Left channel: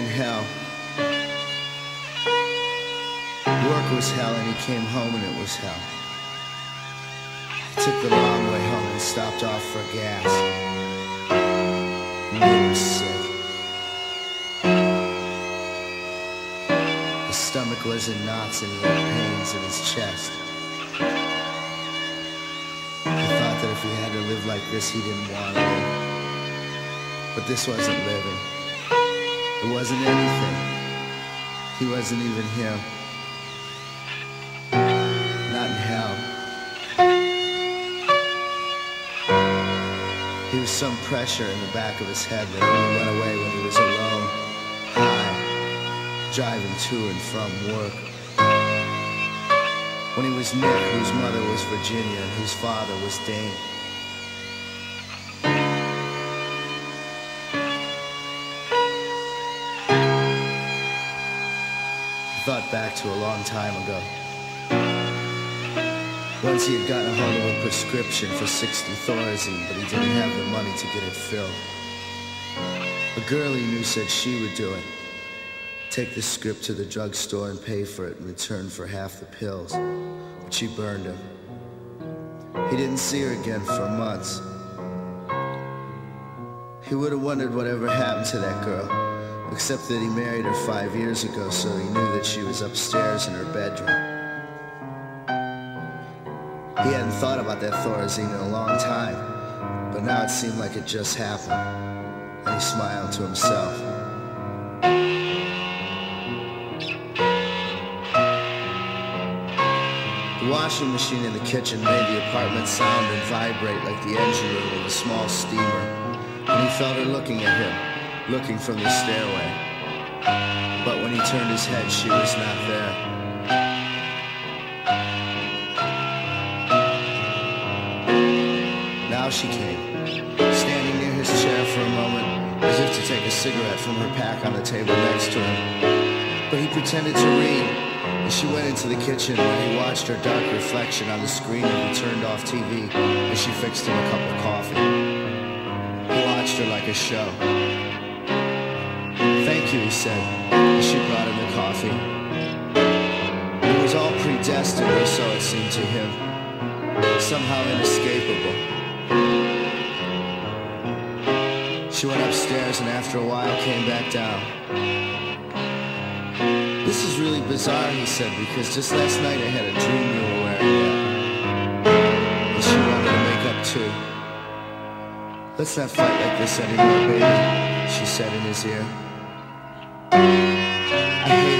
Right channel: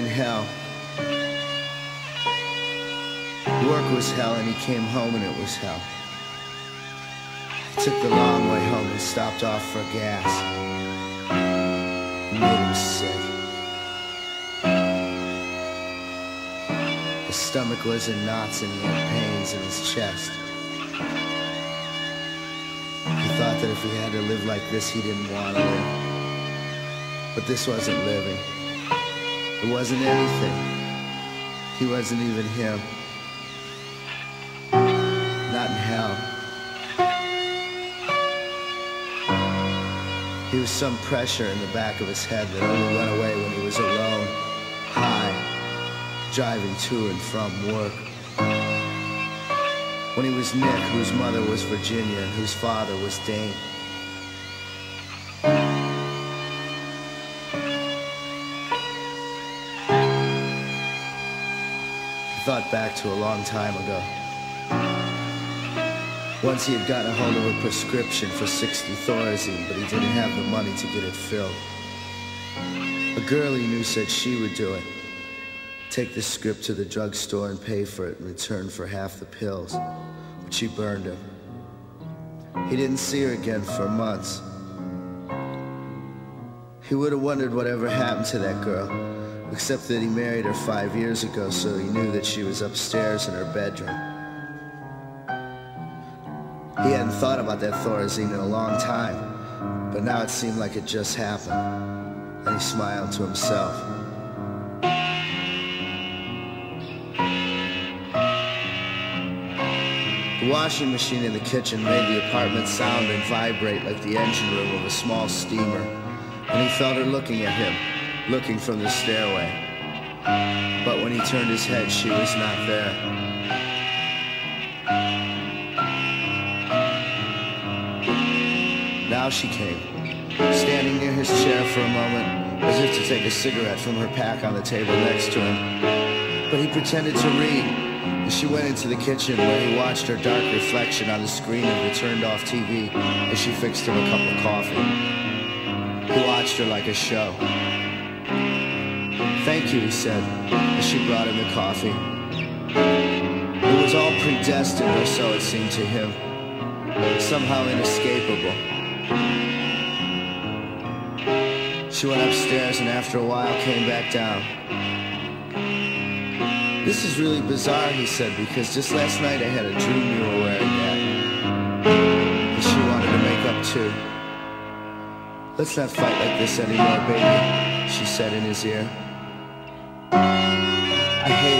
in hell. Work was hell, and he came home and it was hell. He took the long way home and stopped off for gas. He made him sick. His stomach was in knots and he had pains in his chest. He thought that if he had to live like this, he didn't want to live. But this wasn't living. It wasn't anything. He wasn't even him. Not in hell. He was some pressure in the back of his head that only went away when he was alone, high, driving to and from work. When he was Nick, whose mother was Virginia and whose father was Dane. He thought back to a long time ago. Once he had gotten a hold of a prescription for 60 Thorazine, but he didn't have the money to get it filled. A girl he knew said she would do it. Take the script to the drugstore and pay for it in return for half the pills. But she burned him. He didn't see her again for months. He would have wondered whatever happened to that girl, except that he married her 5 years ago, so he knew that she was upstairs in her bedroom. He hadn't thought about that Thorazine in a long time, but now it seemed like it just happened, and he smiled to himself. The washing machine in the kitchen made the apartment sound and vibrate like the engine room of a small steamer, and he felt her looking at him, looking from the stairway. But when he turned his head, she was not there. Now she came, standing near his chair for a moment, as if to take a cigarette from her pack on the table next to him. But he pretended to read, and she went into the kitchen where he watched her dark reflection on the screen of the turned-off TV as she fixed him a cup of coffee. He watched her like a show. "Thank you," he said, as she brought him the coffee. It was all predestined, or so it seemed to him, somehow inescapable. She went upstairs and after a while came back down. "This is really bizarre," he said, "because just last night I had a dream you were wearing that." And she wanted to make up too. "Let's not fight like this anymore, baby," she said in his ear. "I hate